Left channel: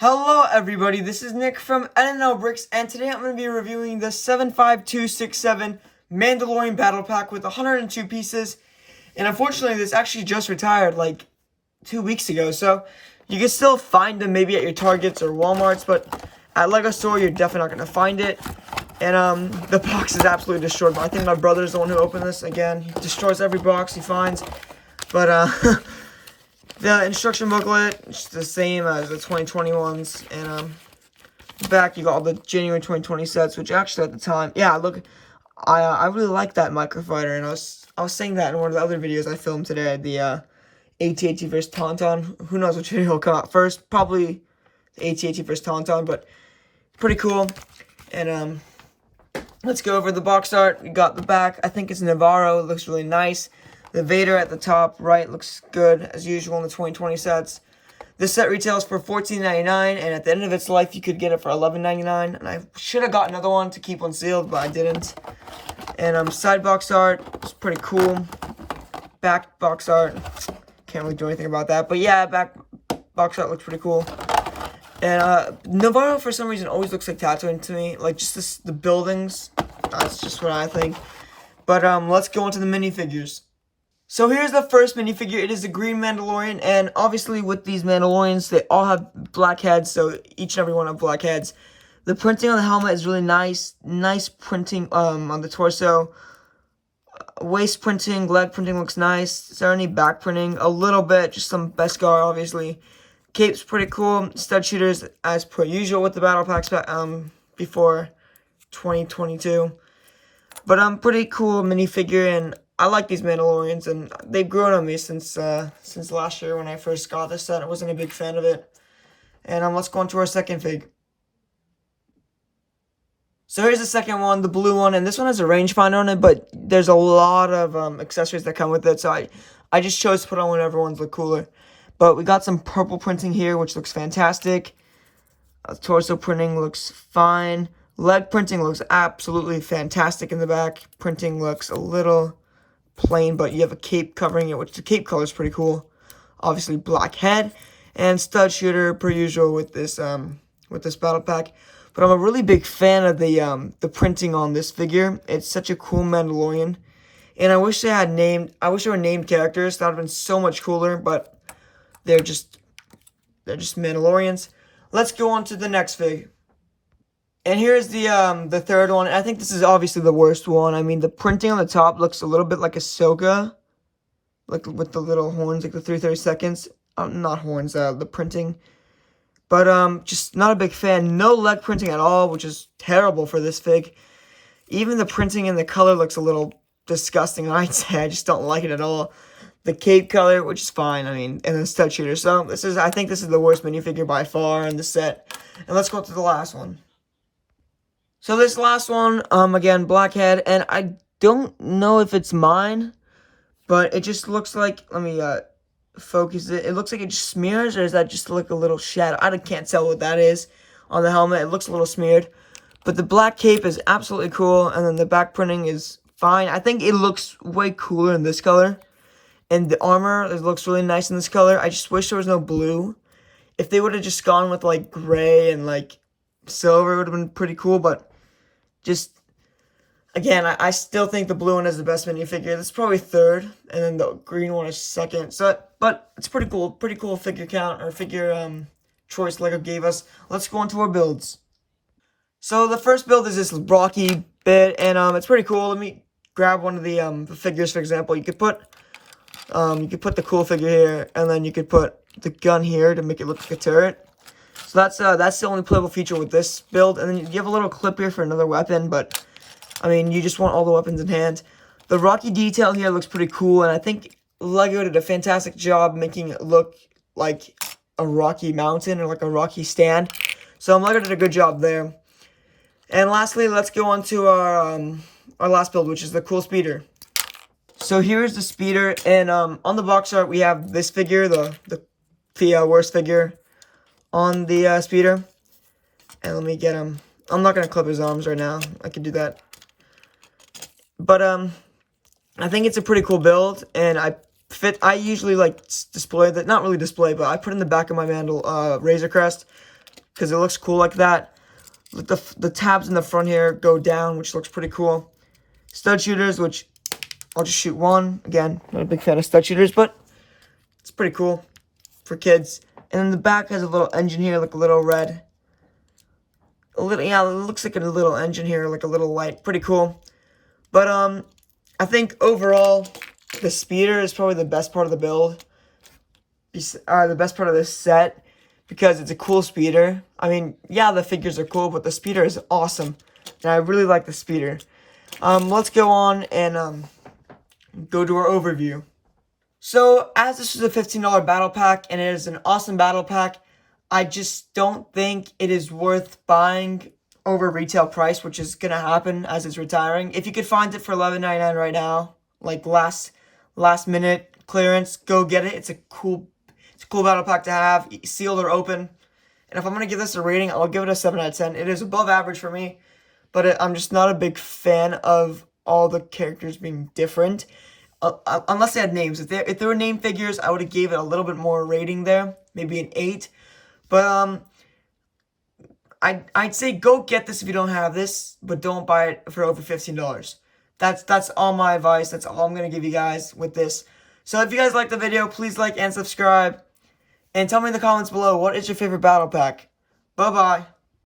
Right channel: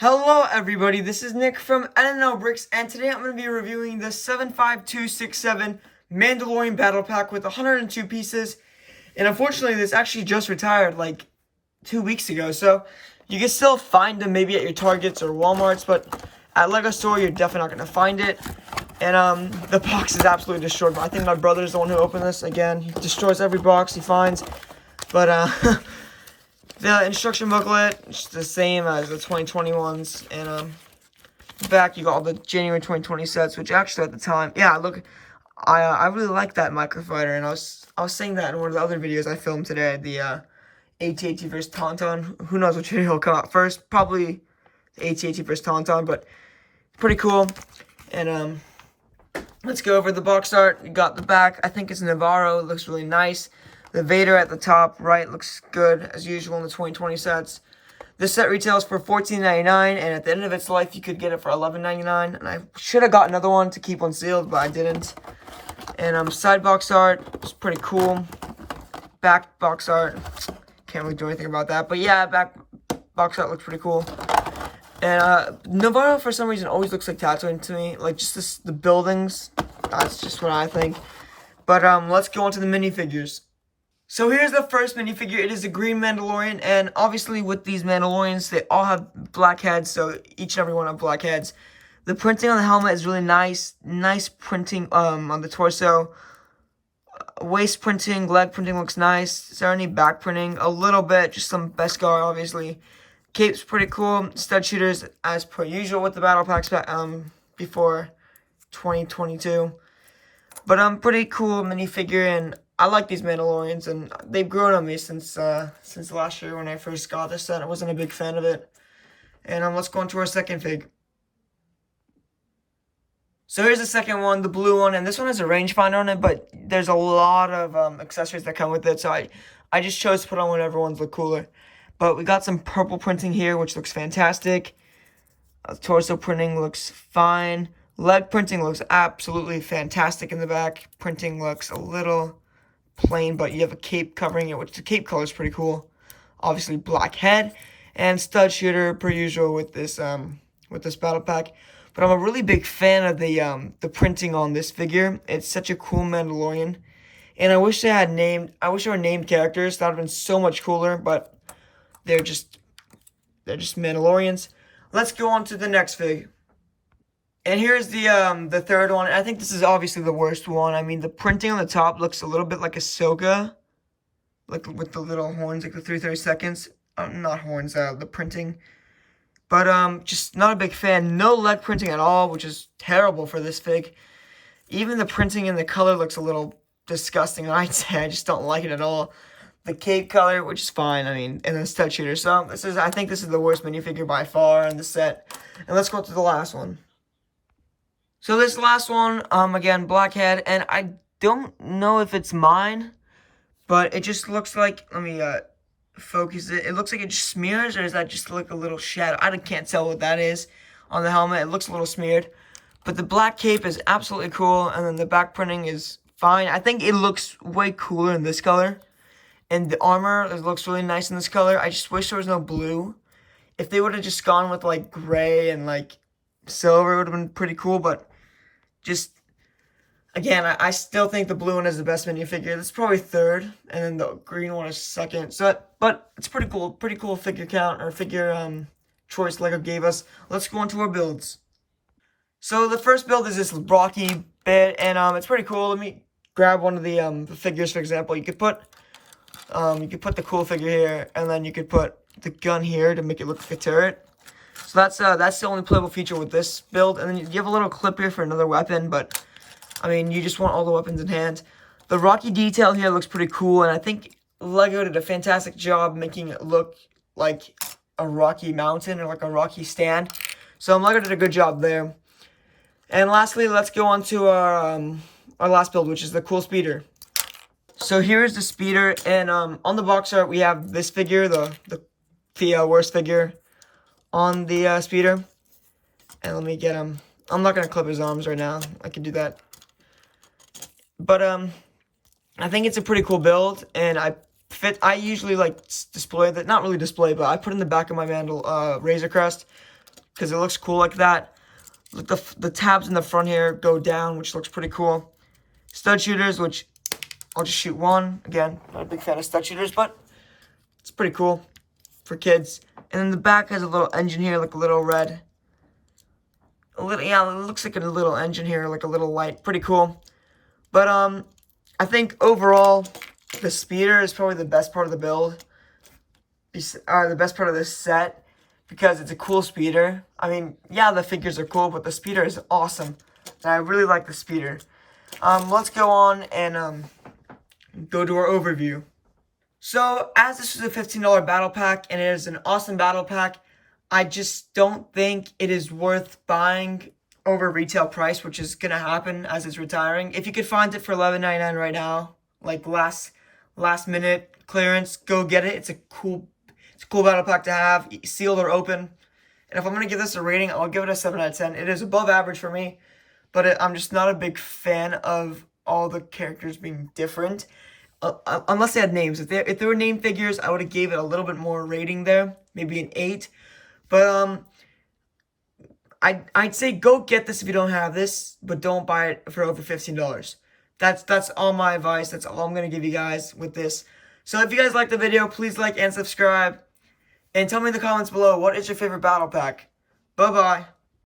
Hello everybody, this is Nick from Bricks, and today I'm going to be reviewing the 75267 Mandalorian Battle Pack with 102 pieces. And unfortunately, this actually just retired like 2 weeks ago, so you can still find them maybe at your Targets or Walmarts, but at LEGO Store you're definitely not going to find it. And the box is absolutely destroyed. I think my brother's the one who opened this. Again, he destroys every box he finds. But the instruction booklet is the same as the 2021s, and back you got all the January 2020 sets, which actually at the time, yeah, look, I really like that microfighter, and I was saying that in one of the other videos I filmed today, the AT-AT vs Tauntaun. Who knows which video will come out first? Probably the AT-AT vs Tauntaun, but pretty cool. And let's go over the box art. You got the back. I think it's Navarro. It looks really nice. The Vader at the top right looks good, as usual in the 2020 sets. This set retails for $14.99, and at the end of its life, you could get it for $11.99. And I should have got another one to keep one sealed, but I didn't. And side box art is pretty cool. Back box art, can't really do anything about that. But yeah, back box art looks pretty cool. And Navarro, for some reason, always looks like Tatooine to me. Like, just the buildings. That's just what I think. But let's go on to the minifigures. So here's the first minifigure. It is the green Mandalorian, and obviously with these Mandalorians, they all have black heads, so each and every one have black heads. The printing on the helmet is really nice. Nice printing on the torso. Waist printing, leg printing looks nice. Is there any back printing? A little bit, just some Beskar, obviously. Cape's pretty cool. Stud shooters, as per usual with the battle packs before 2022. But pretty cool minifigure, and I like these Mandalorians, and they've grown on me since last year when I first got this set. I wasn't a big fan of it. And let's go on to our second fig. So here's the second one, the blue one, and this one has a rangefinder on it, but there's a lot of accessories that come with it, so I just chose to put on whatever ones look cooler. But we got some purple printing here, which looks fantastic. Torso printing looks fine. Leg printing looks absolutely fantastic in the back. Printing looks a little plain, but you have a cape covering it, which the cape color is pretty cool. Obviously black head and stud shooter per usual with this battle pack. But I'm a really big fan of the printing on this figure. It's such a cool Mandalorian, and I wish they were named characters. That would have been so much cooler, but they're just Mandalorians. Let's go on to the next fig. And here's the third one. I think this is obviously the worst one. I mean, the printing on the top looks a little bit like Ahsoka, like with the little horns, like the 332nds. Not horns, the printing. But just not a big fan. No leg printing at all, which is terrible for this fig. Even the printing and the color looks a little disgusting, I'd say. I just don't like it at all. The cape color, which is fine, I mean, and then stud shooter. So I think this is the worst minifigure by far in the set. And let's go to the last one. So this last one, again, black head, and I don't know if it's mine, but it just looks like, let me focus it. It looks like it just smears, or is that just like a little shadow? I can't tell what that is on the helmet. It looks a little smeared, but the black cape is absolutely cool, and then the back printing is fine. I think it looks way cooler in this color, and the armor, it looks really nice in this color. I just wish there was no blue. If they would have just gone with like gray and like silver, it would have been pretty cool, but just, again, I still think the blue one is the best minifigure. That's probably third, and then the green one is second. So, but it's pretty cool figure count, or figure choice LEGO gave us. Let's go on to our builds. So the first build is this Rocky bit, and it's pretty cool. Let me grab one of the figures, for example. You could put the cool figure here, and then you could put the gun here to make it look like a turret. So that's the only playable feature with this build. And then you have a little clip here for another weapon, but I mean, you just want all the weapons in hand. The Rocky detail here looks pretty cool, and I think LEGO did a fantastic job making it look like a Rocky mountain or like a Rocky stand. So LEGO did a good job there. And lastly, let's go on to our last build, which is the cool speeder. So here's the speeder, and on the box art we have this figure, the worst figure on the speeder. And let me get him. I'm not going to clip his arms right now. I can do that. But I think it's a pretty cool build, and I usually like display that, not really display, but I put in the back of my Razor Crest. because it looks cool like that. The tabs in the front here go down, which looks pretty cool. Stud shooters, which I'll just shoot one. Again, I'm not a big fan of stud shooters, but it's pretty cool for kids. And then the back has a little engine here, like a little red. Yeah, it looks like a little engine here, like a little light. Pretty cool. But I think overall, the speeder is probably the best part of the build. The best part of this set, because it's a cool speeder. I mean, yeah, the figures are cool, but the speeder is awesome. And I really like the speeder. Let's go on and go to our overview. So, as this is a $15 battle pack, and it is an awesome battle pack, I just don't think it is worth buying over retail price, which is going to happen as it's retiring. If you could find it for $11.99 right now, like last minute clearance, go get it. It's a cool battle pack to have, sealed or open. And if I'm going to give this a rating, I'll give it a 7 out of 10. It is above average for me, but I'm just not a big fan of all the characters being different. Unless they had names. If they were name figures, I would have gave it a little bit more rating there, maybe an 8. But I'd say go get this if you don't have this, but don't buy it for over $15. That's all my advice. That's all I'm gonna give you guys with this. So if you guys liked the video, please like and subscribe, and tell me in the comments below what is your favorite battle pack. Bye bye.